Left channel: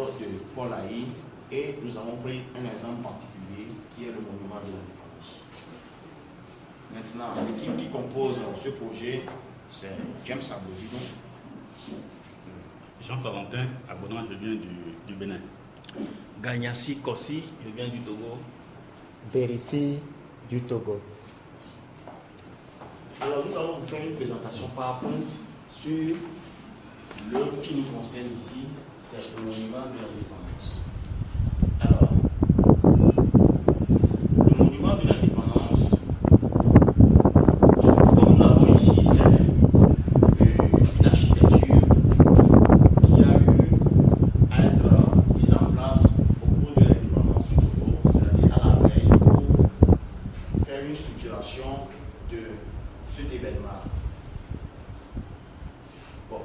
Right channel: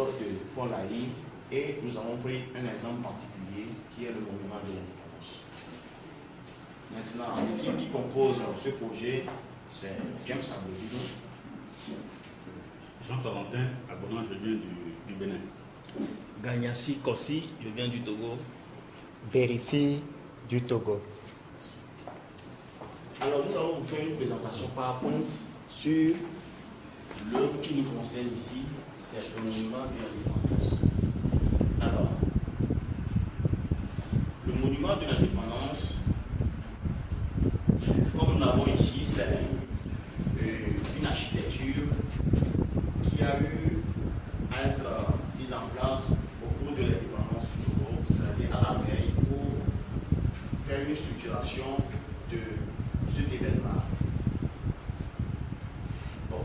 l'œuvre de Paul Haï et nous avons pris un exemple particulier qui est le monument de l'indépendance. Maintenant, l'équipe qui compose ce projet, c'est James Abodino. Jean-Florentin Abonnement, je viens du Bénin. Gagnassi Kossi, je viens du Togo. Bérissi du Togo. Alors, nous allons vous faire une présentation PowerPoint sur l'œuvre qui nous concerne ici, c'est le monument de l'indépendance. Alors, le monument de l'indépendance, comme nous l'avons ici, c'est une architecture qui a eu à être mise en place au cours de l'indépendance du Togo, c'est-à-dire à la veille pour faire une structuration de cet événement. Bon.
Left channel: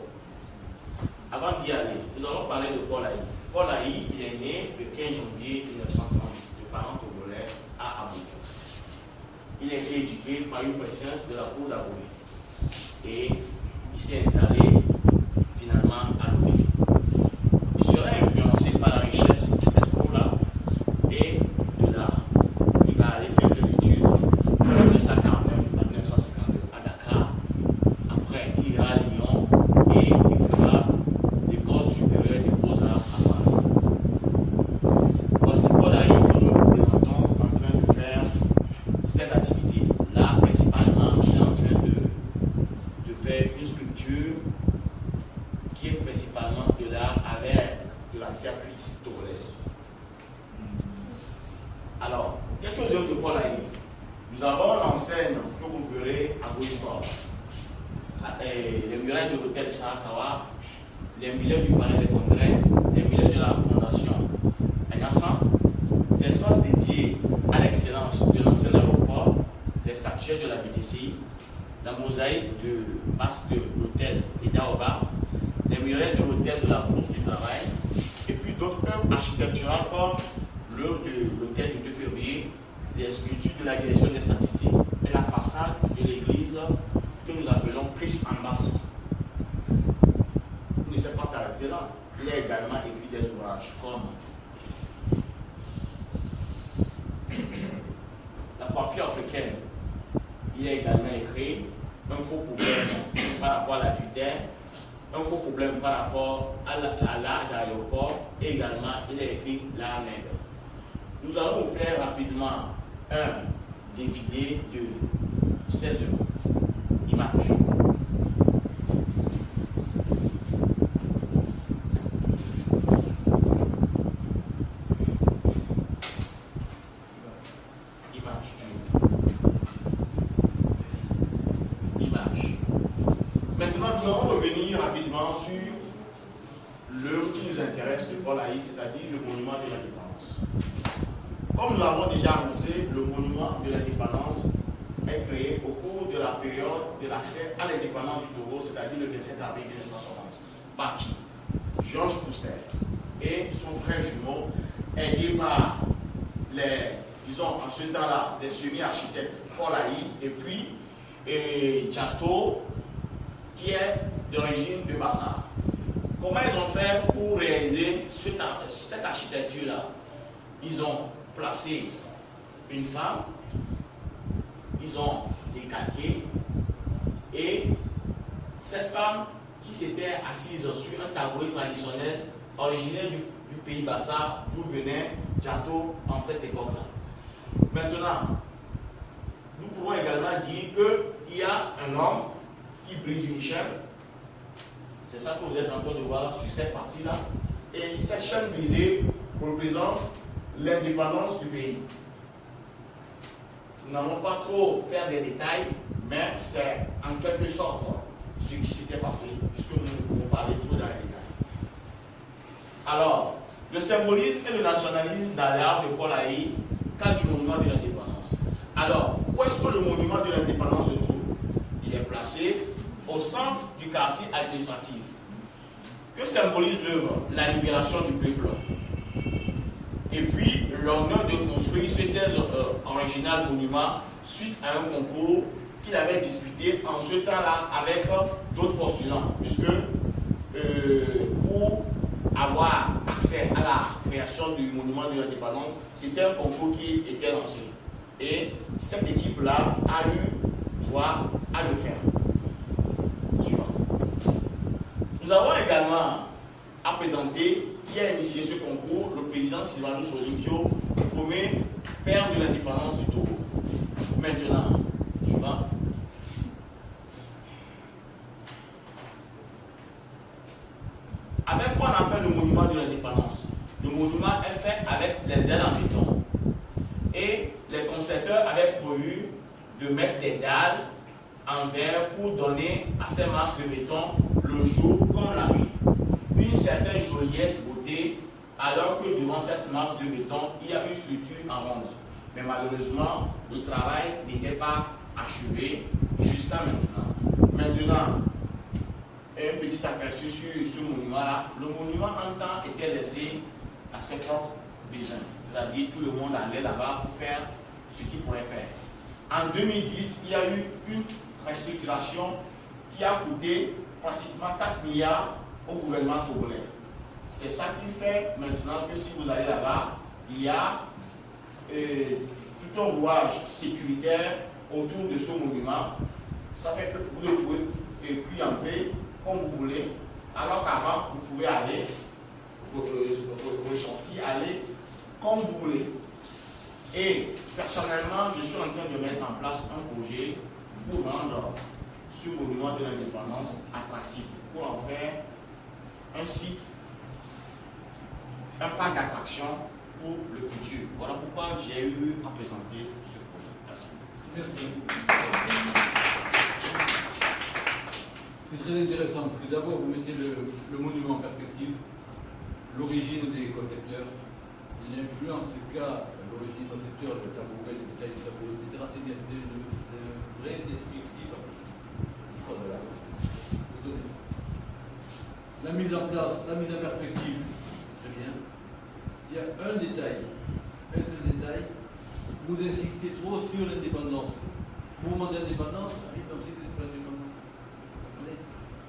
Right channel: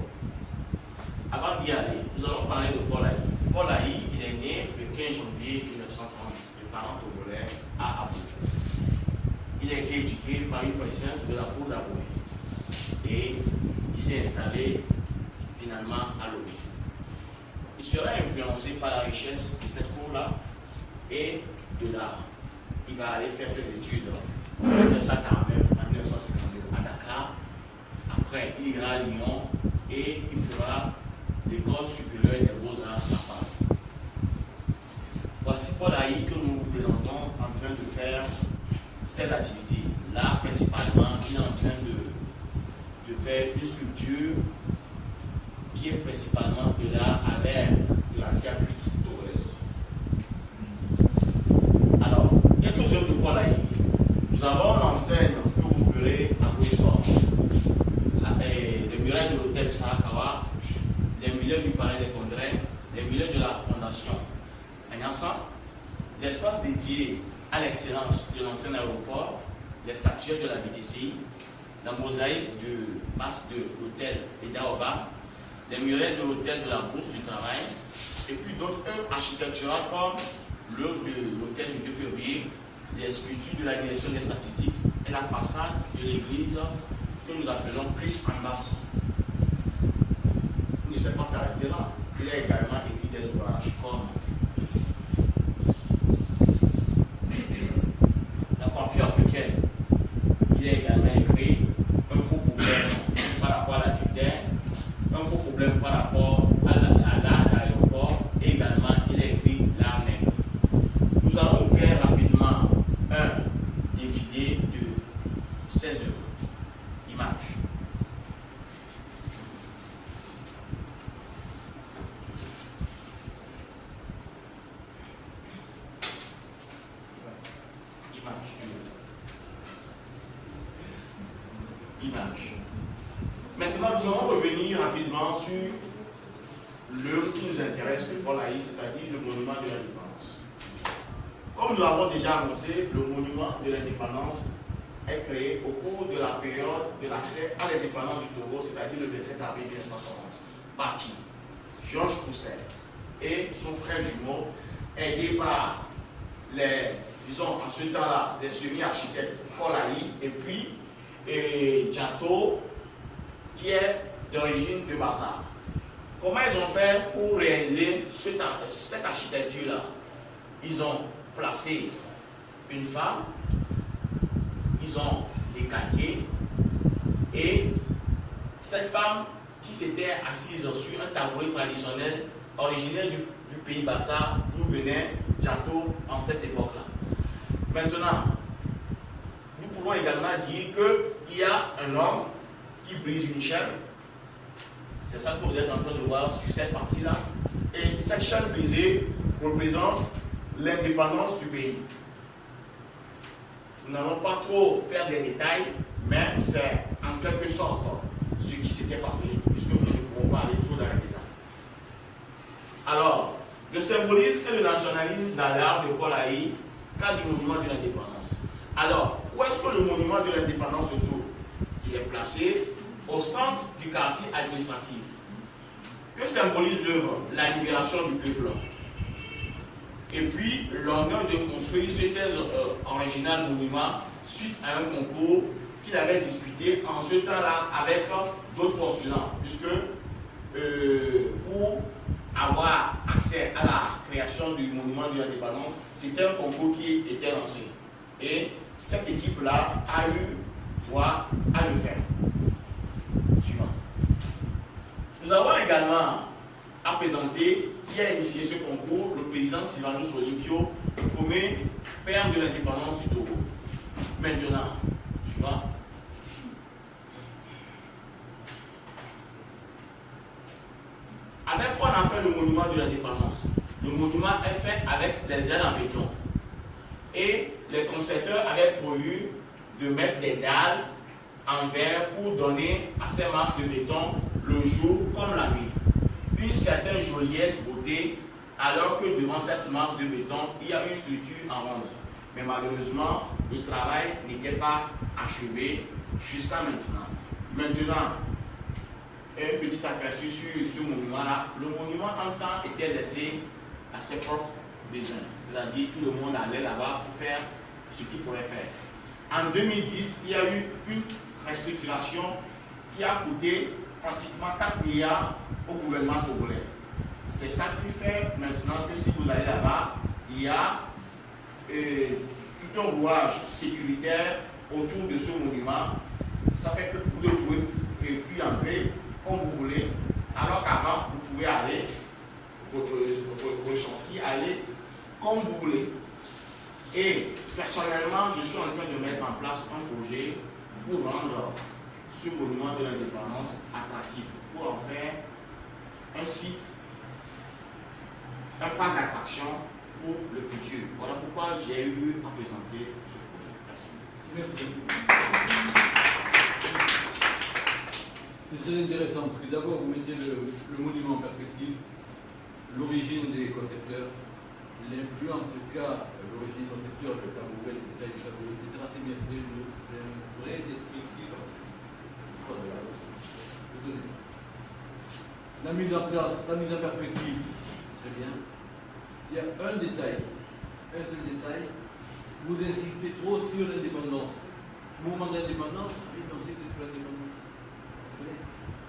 Avant d'y aller, nous allons parler de Paul Haï. Paul Haï, il est né le 15 janvier 1930 de parents togolais à Abou. Il a été éduqué par une préscience de la cour d'Abou. Et il s'est installé finalement à Lomé. Il sera influencé par la richesse de cette cour-là et de l'art. Il va aller faire ses études de 1949 à 1952 à Dakar. Après, il ira à Lyon et il fera l'école supérieure des beaux-arts à Paris. Voici Paul Haï que nous nous présentons en train de faire ses activités. Là, principalement, il est en train de faire une sculpture qui est principalement de l'art avec de la terre cuite togolaise. Alors, quelques œuvres de Paul Haï. Nous avons l'enseigne que vous verrez à Boussoir, les murailles de l'hôtel Sarakawa, les murailles du palais des congrès, les murailles de la fondation Agnassan, l'espace dédié à l'excellence de l'ancien aéroport, les statuettes de la BTC, la mosaïque de masque de l'hôtel Edaoba, les murailles de l'hôtel de la Bourse du Travail, et puis d'autres œuvres architecturales comme l'œuvre de l'hôtel du 2 février, les sculptures de la direction des statistiques et la façade de l'église que nous appelons Christ Ambassy. Il ne s'est pas arrêté là. Il a également écrit des ouvrages comme la coiffure africaine. Il a également écrit un faux problème par rapport à la tutelle, un faux problème par rapport à l'art d'aéroport et également il a écrit l'art nègre. Nous allons vous faire rapidement un défilé de 16 images. Maintenant, nous allons revenir rapidement sur l'œuvre qui nous intéresse de Paul Haï, c'est-à-dire le monument de l'indépendance. Comme nous l'avons déjà annoncé, le monument de l'indépendance est créé au cours de la période de l'accès à l'indépendance du Togo, c'est-à-dire le 27 avril 1960. Par qui? Georges Poussin et son frère jumeau, aidé par les, disons, en ce temps-là, des semi-architectes Paul Haï et puis Djato, qui est d'origine de Bassa. Comment ils ont fait pour réaliser cette architecture-là? Ils ont placé une femme, ils ont décalqué, et cette femme qui s'était assise sur un tabouret traditionnel originaire du pays Bassa, d'où venait Djato en cette époque-là. Maintenant, nous pouvons également dire qu'il y a un homme qui brise une chaîne. C'est ça que vous êtes en train de voir sur cette partie-là. Et cette chaîne brisée représente l'indépendance du pays. Nous n'allons pas trop faire des détails, mais c'est en quelque sorte ce qui s'était passé, puisque nous ne pouvons pas aller trop dans les détails. Alors, le symbolisme et le nationalisme dans l'art de Paul Haï, cadre du monument de l'indépendance. Alors, où est-ce que le monument de l'indépendance se trouve? Il est placé au centre du quartier administratif. Que symbolise l'œuvre? La libération du peuple. Et puis, l'honneur de construire cet original monument suite à un concours qu'il avait disputé en ce temps-là avec d'autres postulants, puisque pour avoir accès à la création du monument de l'indépendance, c'était un concours qui était lancé. Et cette équipe-là a eu droit à le faire. Suivant. Nous avons également à présenter, qui a initié ce concours, le président Sylvanus Olympio, nommé père de l'indépendance du Togo. Maintenant, suivant. Avec quoi on a fait le monument de l'indépendance? Le monument est fait avec des ailes en béton. Et les concepteurs avaient prévu de mettre des dalles en verre pour donner à ces masses de béton le jour comme la nuit. Une certaine joliesse, beauté, alors que devant cette masse de béton, il y a une structure en ronde. Mais malheureusement, le travail n'était pas achevé jusqu'à maintenant. Maintenant, un petit aperçu sur ce monument-là. Le monument en temps était laissé à ses propres besoins. C'est-à-dire tout le monde allait là-bas pour faire ce qu'il pourrait faire. En 2010, il y a eu une restructuration qui a coûté pratiquement 4 milliards au gouvernement togolais. C'est ça qui fait maintenant que si vous allez là-bas, il y a tout un rouage sécuritaire autour de ce monument. Ça fait que vous pouvez puis entrer comme vous voulez, alors qu'avant, vous pouvez aller, ressortir, aller comme vous voulez. Et personnellement, je suis en train de mettre en place un projet pour rendre ce monument de l'indépendance attractif, pour en faire un site, un parc d'attraction pour le futur. Voilà pourquoi j'ai eu à présenter ce projet. Merci. Merci. C'est très intéressant parce que d'abord vous mettez le monument en perspective, l'origine des concepteurs, l'influence qu'a l'origine des concepteurs, le tabouret, le détail du tabouret, etc. C'est bien, c'est un vrai descriptif. La mise en place, la mise en perspective, très bien. Il y a un détail, un seul détail. Vous insistez trop sur l'indépendance. Mouvement d'indépendance, oui, non, c'est pour l'indépendance.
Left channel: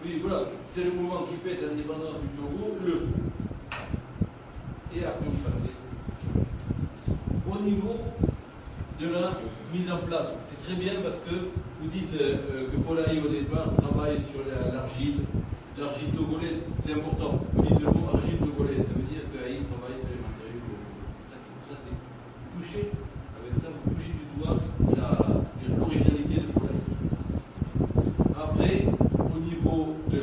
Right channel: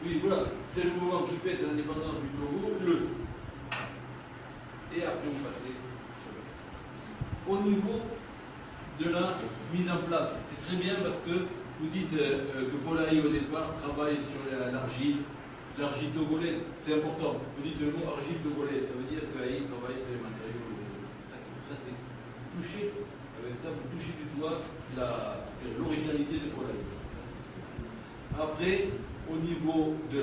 Oui, voilà, c'est le mouvement qui fait l'indépendance du Togo, et après vous passez. Au niveau de la mise en place, c'est très bien parce que vous dites que Polaï au départ travaille sur l'argile togolaise, c'est important. Vous dites le mot argile togolaise, ça veut dire qu'Aïe travaille sur les matériaux. Ça c'est touché, avec ça vous touchez du doigt l'originalité de Polaï. Après, au niveau de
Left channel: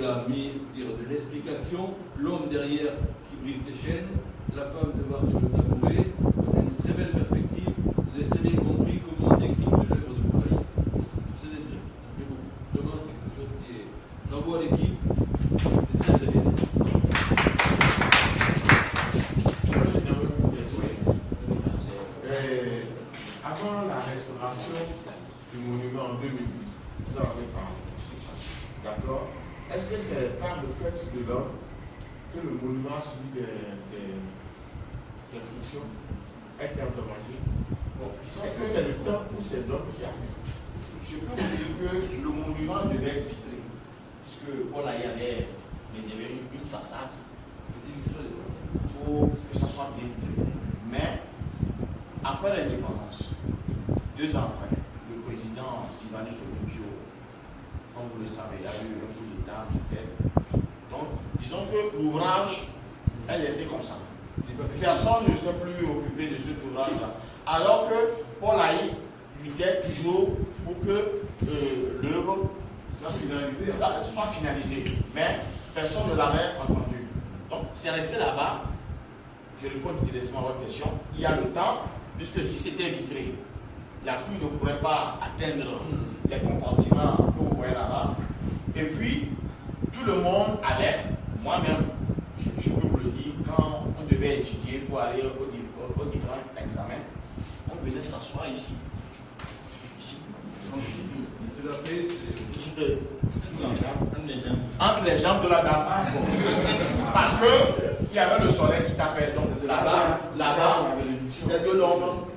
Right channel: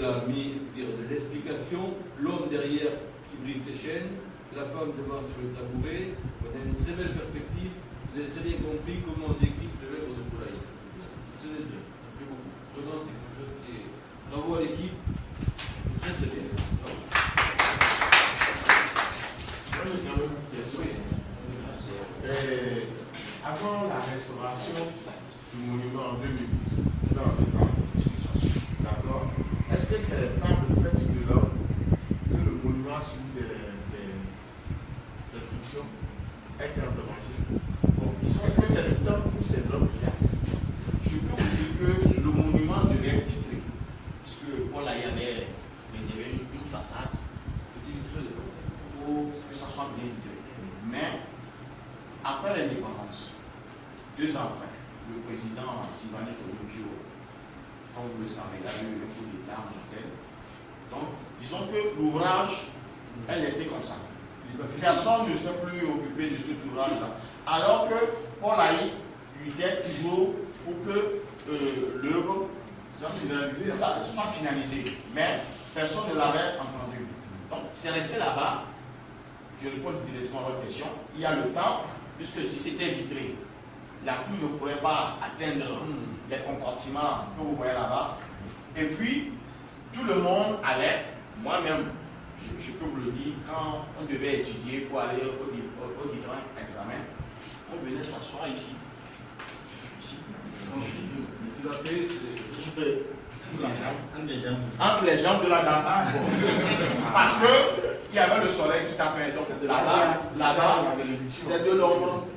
l'explication, l'homme derrière qui brise ses chaînes, la femme devant sur le tabouret, vous avez une très belle perspective, vous avez très bien compris comment on décrit de l'œuvre de Polaï. C'est intéressant, c'est beaucoup. Vraiment, c'est quelque chose qui est. Bravo à l'équipe, c'est très très bien. Moi, j'ai une question. Avant la restauration du monument en 2010, vous en avez parlé. D'accord. Est-ce que c'est pas le fait de l'homme que le monument a subi des frictions, a été endommagé? Bon, est-ce que c'est le temps ou c'est l'homme qui a fait? Je peux vous dire que le monument devait être vitré, puisque voilà, il y avait une façade, il faut que ça soit bien vitré. Mais après l'indépendance, 2 ans après, le président Sylvanus Olympio, comme vous le savez, il a eu un coup d'État en tête. Donc, disons que l'ouvrage est laissé comme ça. Personne ne s'est plus occupé de cet ouvrage-là. Alors que Paul Haï luttait toujours pour que l'œuvre soit finalisée. Mais personne ne l'avait entendu. Donc, c'est resté là-bas. Je réponds directement à votre question. Il y a le temps, puisque si c'était vitré, la pluie ne pourrait pas atteindre les compartiments que vous voyez là-bas. Et puis, tout le monde allait, moi-même, je peux vous le dire, quand on devait étudier pour aller aux différents examens, on venait s'asseoir ici. Ici. Entre les jambes de la dame. Parce qu'il y avait le soleil qui tapait. Donc là-bas, c'est de l'ombre.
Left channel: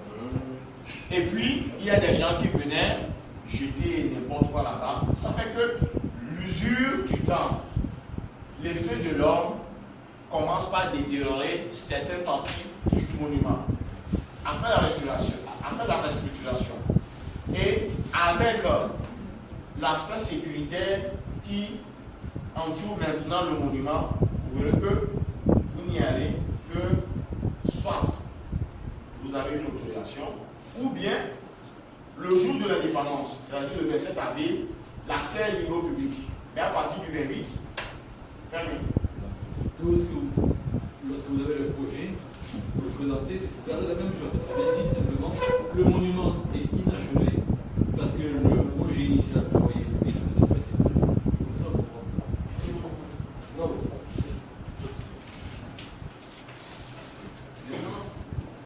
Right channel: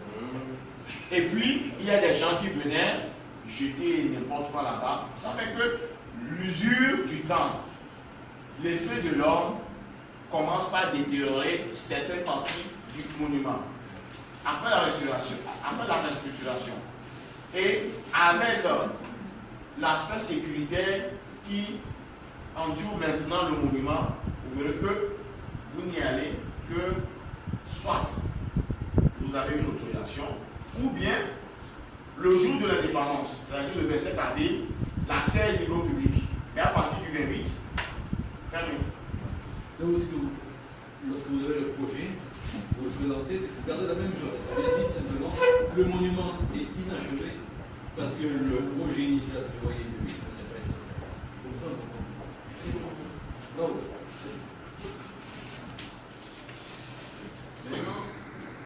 Et puis, il y a des gens qui venaient jeter n'importe quoi là-bas. Ça fait que l'usure du temps, l'effet de l'homme commence par détériorer certaines parties du monument. Après la restauration, après la restructuration, et avec l'aspect sécuritaire qui entoure maintenant le monument, vous verrez que vous n'y allez que soit vous avez une autorisation, ou bien le jour de l'indépendance, c'est-à-dire le 27 avril, l'accès est libre au public. Et à partir du 28, fermé. Donc, lorsque vous avez le projet, vous le présentez, vous gardez la même chose. Vous dites simplement, le monument est inachevé parce que le projet initial prévoyait